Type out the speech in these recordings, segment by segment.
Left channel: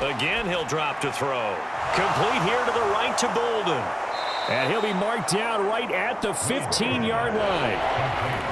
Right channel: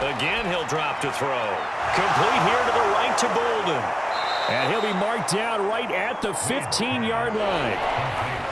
Again, he'll drop to throw. Complete here to the right to Bolden. And he'll be marked down right at the 15-yard line.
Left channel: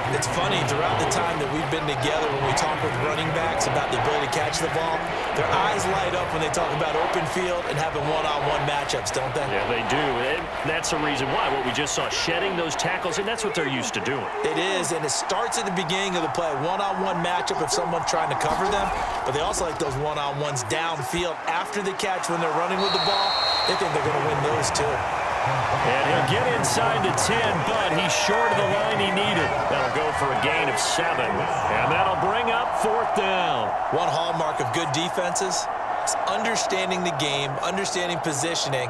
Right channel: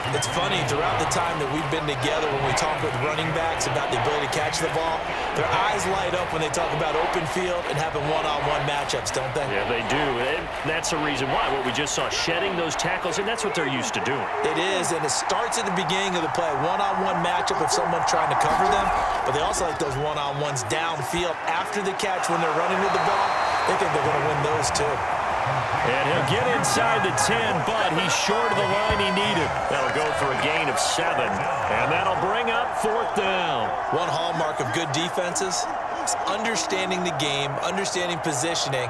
It's funny, throughout the time that we've been together, when we talk with running backs about the ability to catch the ball, their eyes light up when they talk about open field and having one-on-one matchups, don't they? Yeah, they do. And that's the reason why. What we just saw, shedding those tackles, and that's what they're used to doing. It is, and it starts at the beginning of the play. One-on-one matchup if someone's trying to cover them, but they also like those one-on-ones downfield after the catch when they're running with the ball. They think they're going to win those too. And he'll get inside the 10, but he's short of the line he needed. That'll go for a gain of 7, and that'll bring up 4th down. One hallmark of good defenses is understanding the game, understanding positioning,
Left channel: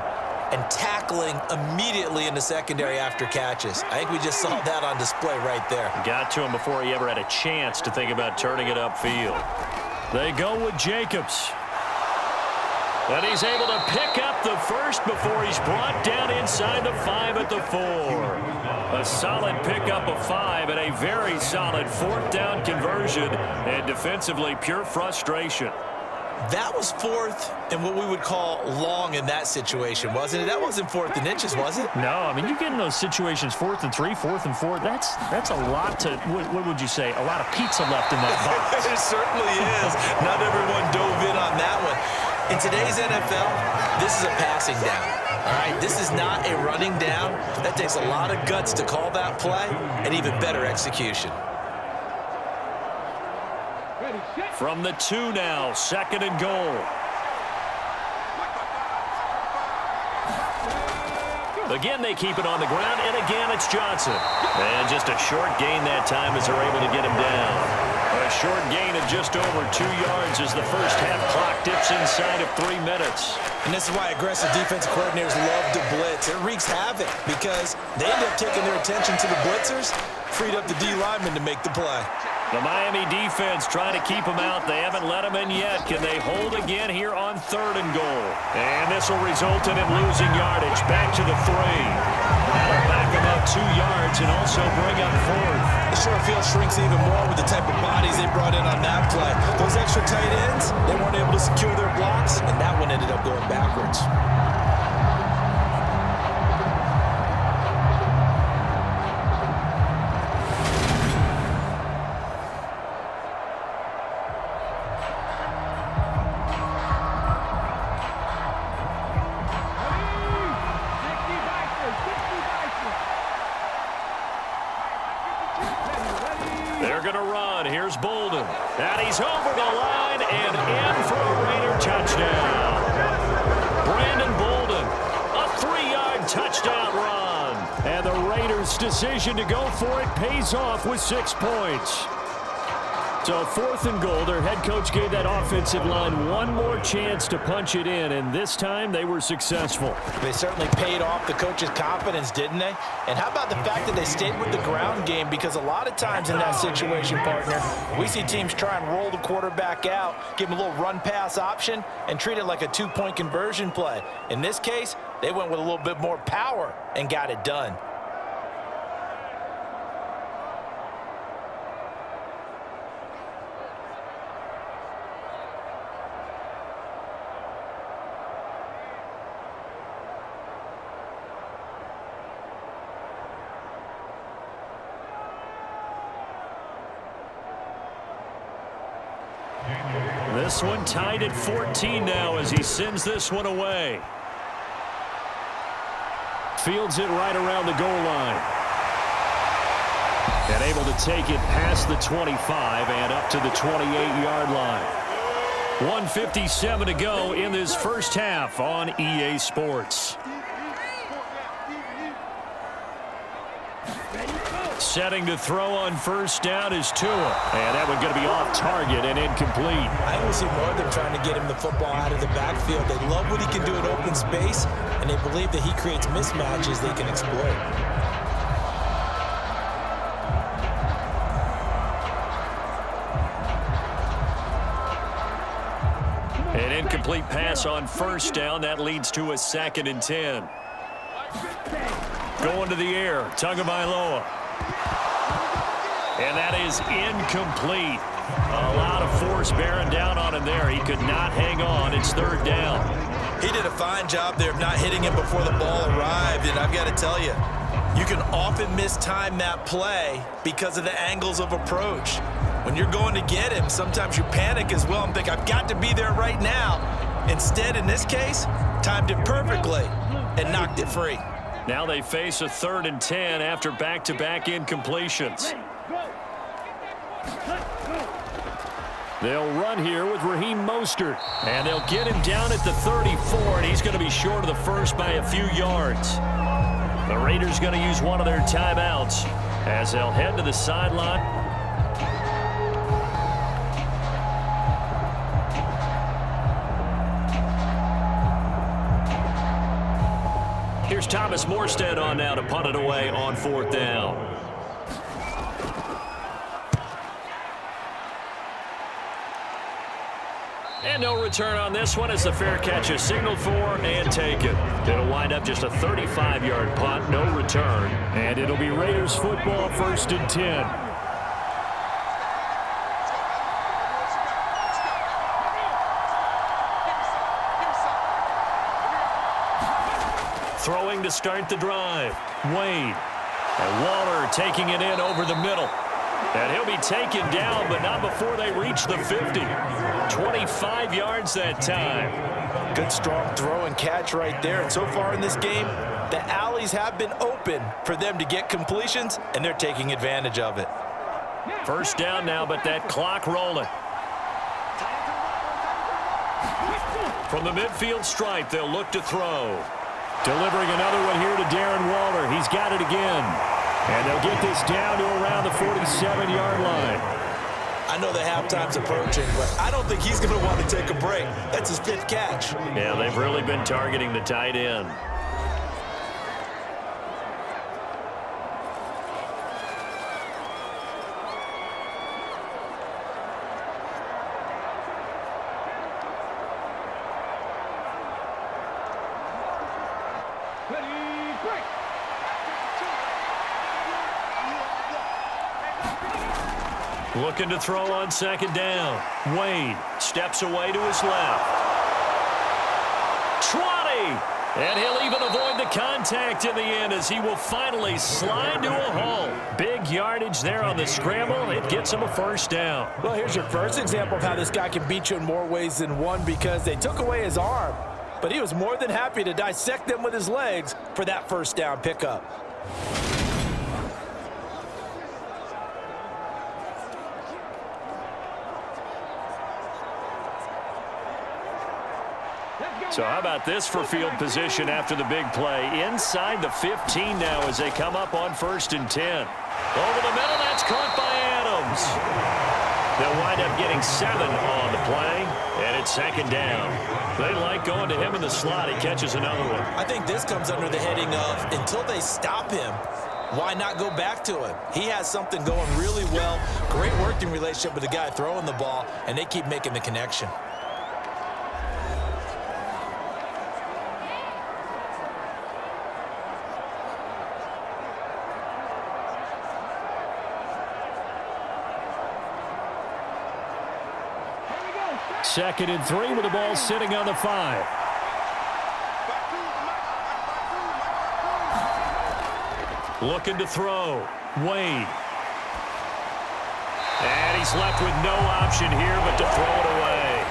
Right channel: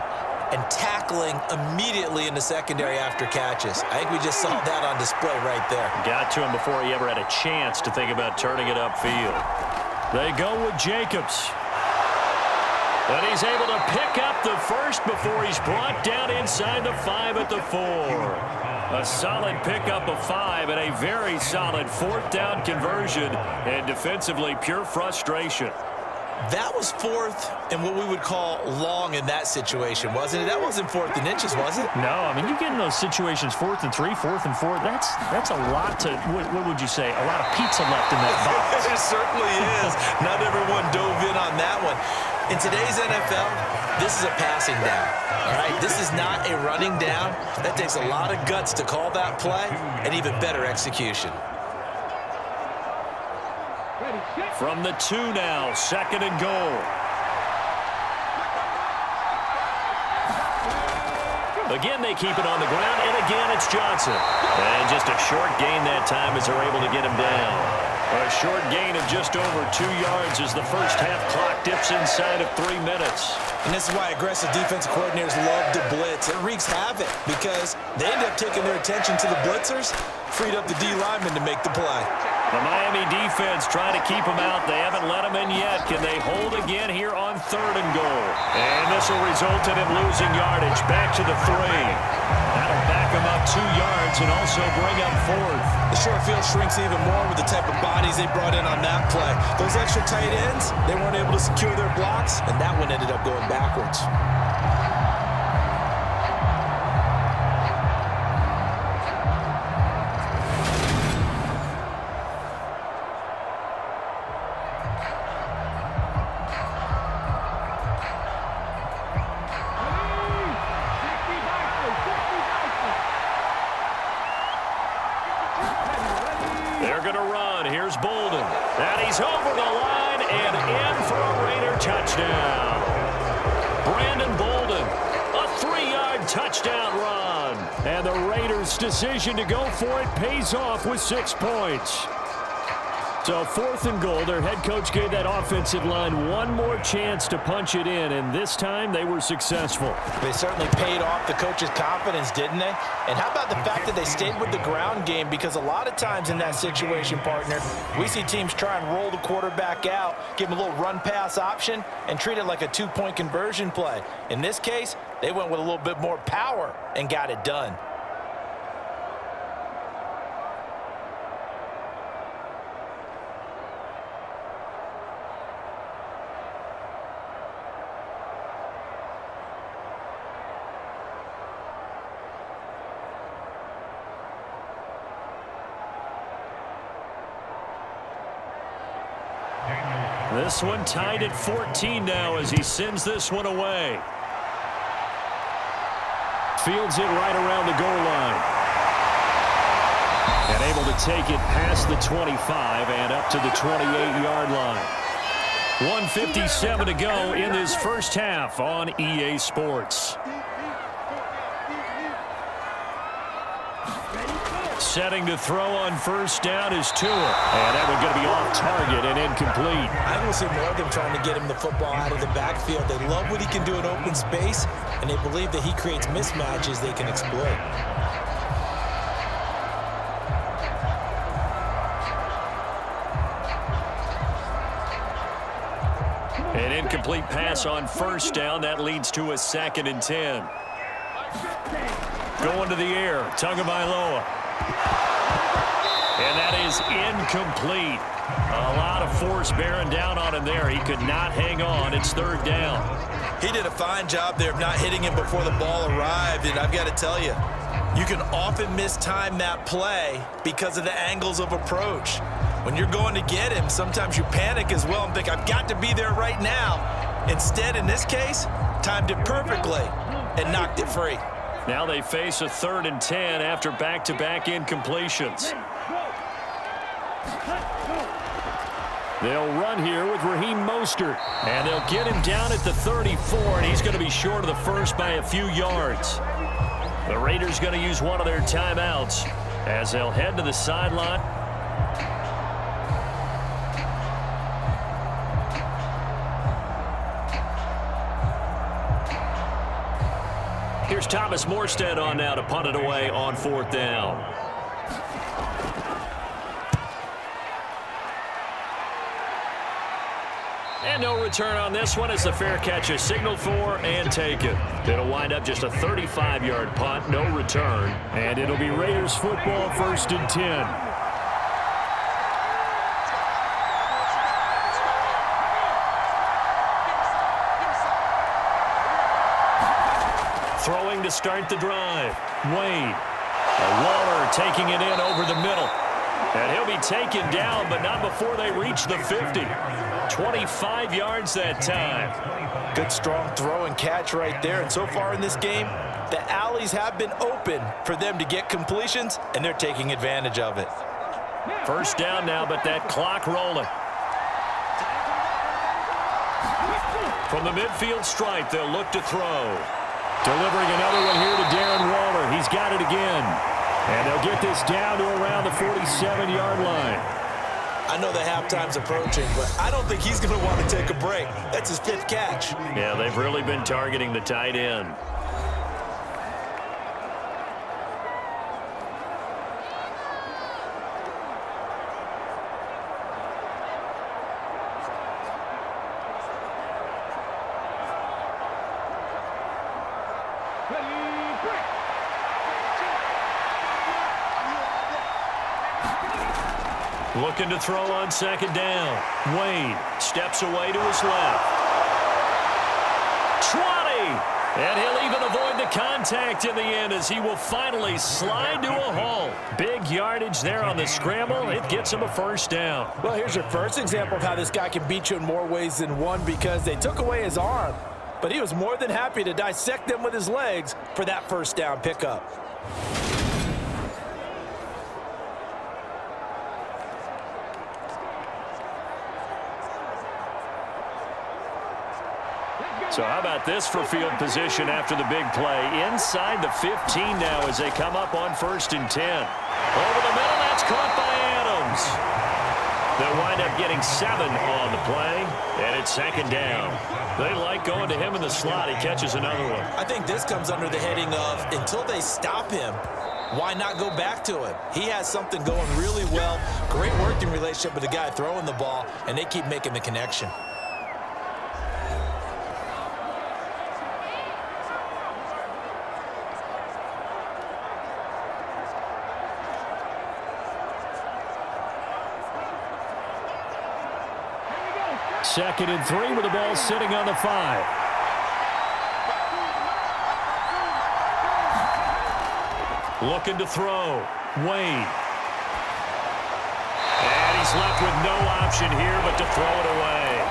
and tackling immediately in the secondary after catches. I think we just saw that on display right there. Got to him before he ever had a chance to think about turning it upfield. They go with Jacobs. And he's able to pick up the first before he's brought down inside the 5 at the 4. A solid pickup of 5 and a very solid 4th down conversion. And defensively, pure frustration. That was 4th and what we would call long in that situation, wasn't it? That wasn't 4th and inches, was it? No, I mean, you get in those situations 4th and 3, 4th and 4. That's a lot to, what would you say, a lot of pizza left in that box. It certainly is. Not everyone dove in on that one. In today's NFL, this is a passing down, all right? This is not a running down. That takes a lot of guts to call that play and even better execution. From the 2 now, 2nd and goal. Again, they keep it on the ground, and again, it's Johnson. And just a short gain that time as they're able to get him down. A short gain of just over 2 yards as the first half clock dips inside of 3 minutes. And this is why aggressive defensive coordinators love to blitz. It wreaks havoc because they end up taking their attention to the blitzers, freed up the D lineman to make the play. The Miami defense trying to keep them out. They haven't let them in yet. Can they hold again here on 3rd and goal? And this will result in him losing yardage. Back to the 3. That'll back him up 2 yards and also bring up 4th. The short field shrinks even more with the type of bodies they brought in on that play. Those extra tight ends, they weren't able to secure their blocks, and that one ended up going backwards. They're going to run. Here's Bolden. And he's over the line and in for a Raider touchdown. Brandon Bolden, a 3-yard touchdown run. And the Raiders' decision to go for it pays off with 6 points. So 4th and goal, their head coach gave that offensive line one more chance to punch it in, and this time they were successful. They certainly paid off the coach's confidence, didn't they? And how about the fact that they stayed with the ground game? Because a lot of times in that situation, partner, we see teams try and roll the quarterback out, give him a little run-pass option, and treat it like a 2-point conversion play. In this case, they went with a little bit more power and got it done. This one tied at 14 now as he sends this one away. Fields it right around the goal line. And able to take it past the 25 and up to the 28-yard line. 1:57 to go in this first half on EA Sports. Setting to throw on first down is Tua. And that one going to be off target and incomplete. I think we'll see more of them trying to get him the football out of the backfield. They love what he can do in open space, and they believe that he creates mismatches they can exploit. An incomplete pass on first down. That leads to a 2nd and 10. Going to the air. Tagovailoa. And that is incomplete. A lot of force bearing down on him there. He could not hang on. It's third down. He did a fine job there of not hitting him before the ball arrived, and I've got to tell you, you can often mistime that play because of the angles of approach. When you're going to get him, sometimes you panic as well and think, I've got to be there right now. Instead, in this case, timed it perfectly and knocked it free. Now they face a 3rd and 10 after back-to-back incompletions. They'll run here with Raheem Mostert. And they'll get him down at the 34, and he's going to be short of the first by a few yards. The Raiders going to use one of their timeouts as they'll head to the sideline. Here's Thomas Morstead on now to punt it away on 4th down. And no return on this one as the fair catch is signaled for and taken. It'll wind up just a 35-yard punt, no return. And it'll be Raiders football 1st and 10. Throwing to start the drive. Wade. And Waller taking it in over the middle. And he'll be taken down, but not before they reach the 50. 25 yards that time. Good, strong throw and catch right there. And so far in this game, the alleys have been open for them to get completions, and they're taking advantage of it. First down now, but that clock rolling. From the midfield stripe, they'll look to throw. Delivering another one here to Darren Waller. He's got it again. And they'll get this down to around the 47-yard line. I know the halftime's approaching, but I don't think he's going to want to take a break. That's his 5th catch. Yeah, they've really been targeting the tight end. Looking to throw on 2nd down. Wade steps away to his left. 20! And he'll even avoid the contact in the end as he will finally slide to a halt. Big yardage there on the scramble. It gets him a 1st down. Well, here's your first example of how this guy can beat you in more ways than one because they took away his arm. But he was more than happy to dissect them with his legs for that 1st down pickup. So how about this for field position after the big play? Inside the 15 now as they come up on 1st and 10. Over the middle, that's caught by Adams. They'll wind up getting 7 on the play, and it's 2nd down. They like going to him in the slot. He catches another one. I think this comes under the heading of until they stop him, why not go back to him? He has something going really well. Great working relationship with the guy throwing the ball, and they keep making the connection. Second and 3 with the ball sitting on the 5. Looking to throw. Wade. And he's left with no option here but to throw it away.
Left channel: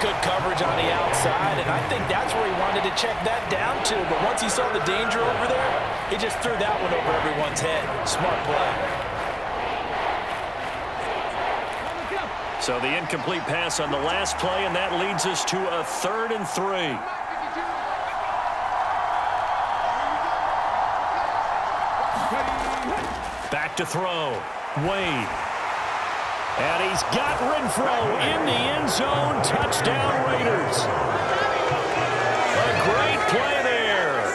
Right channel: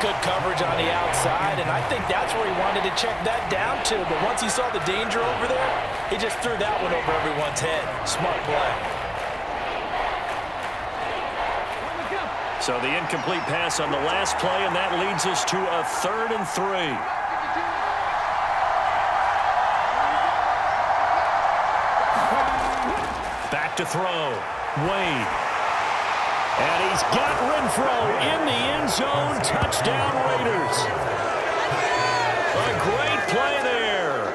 Good coverage on the outside, and I think that's where he wanted to check that down to. But once he saw the danger over there, he just threw that one over everyone's head. Smart play. So the incomplete pass on the last play, and that leads us to a 3rd and 3. Back to throw. Wade. And he's got Renfro in the end zone. Touchdown, Raiders. A great play there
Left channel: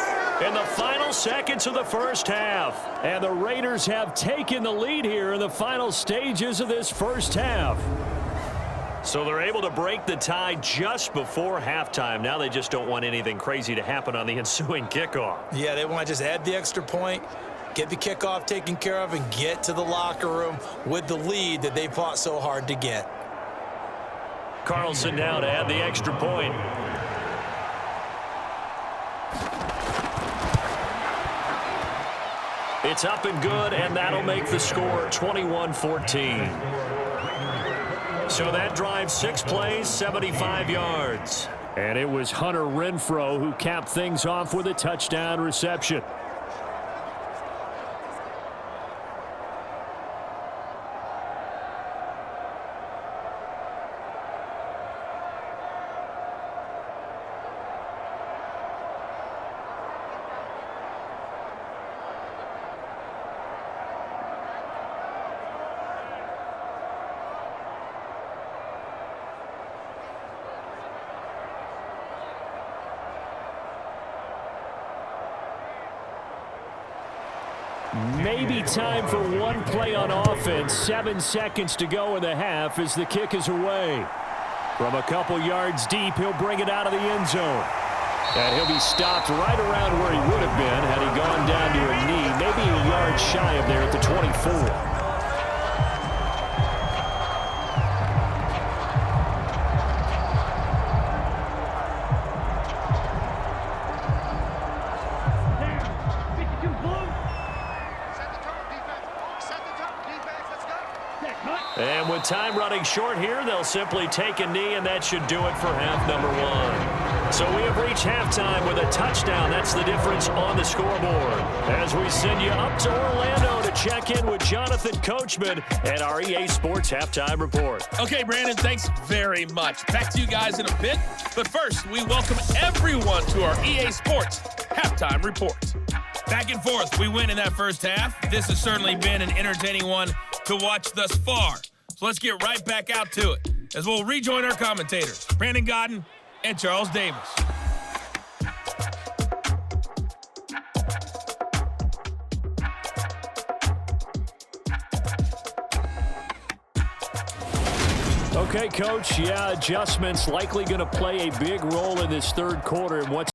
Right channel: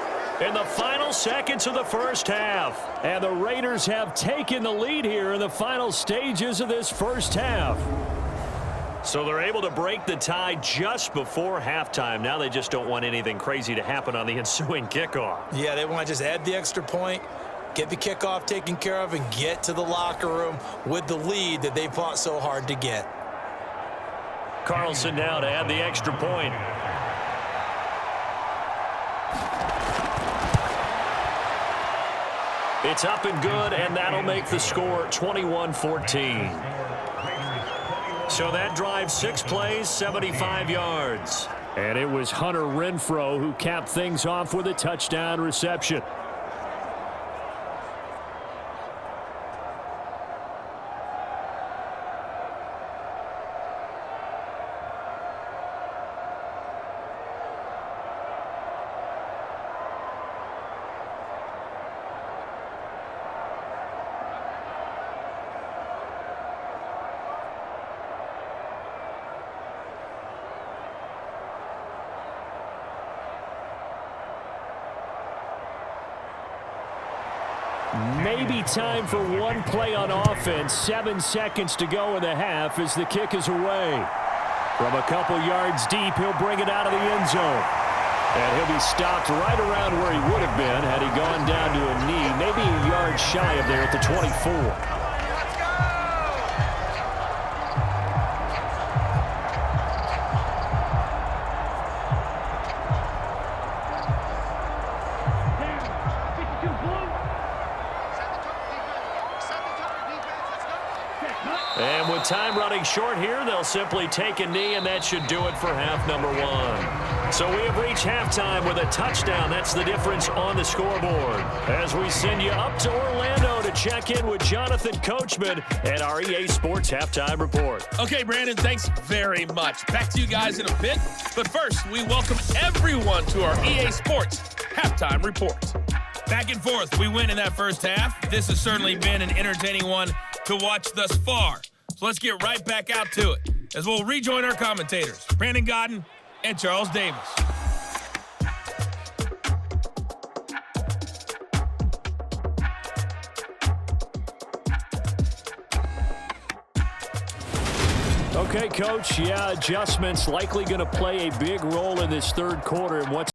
in the final seconds of the first half. And the Raiders have taken the lead here in the final stages of this first half. So they're able to break the tie just before halftime. Now they just don't want anything crazy to happen on the ensuing kickoff. Yeah, they want to just add the extra point, get the kickoff taken care of, and get to the locker room with the lead that they fought so hard to get. Carlson now to add the extra point. It's up and good, and that'll make the score 21-14. So that drive 6 plays, 75 yards. And it was Hunter Renfrow who capped things off with a touchdown reception. Maybe time for one play on offense. 7 seconds to go in the half as the kick is away. From a couple yards deep, he'll bring it out of the end zone. And he'll be stopped right around where he would have been had he gone down to a knee, maybe a yard shy of there at the 24. And with time running short here, they'll simply take a knee, and that should do it for half number 1. So we have reached halftime with a touchdown. That's the difference on the scoreboard. As we send you up to Orlando to check in with Jonathan Coachman and our EA Sports Halftime Report. Okay, Brandon, thanks very much. Back to you guys in a bit. But first, we welcome everyone to our EA Sports Halftime Report. Back and forth, we win in that first half. This has certainly been an entertaining one to watch thus far. So let's get right back out to it as we'll rejoin our commentators, Brandon Godden and Charles Davis. Okay, Coach, yeah, adjustments likely going to play a big role in this third quarter. And what's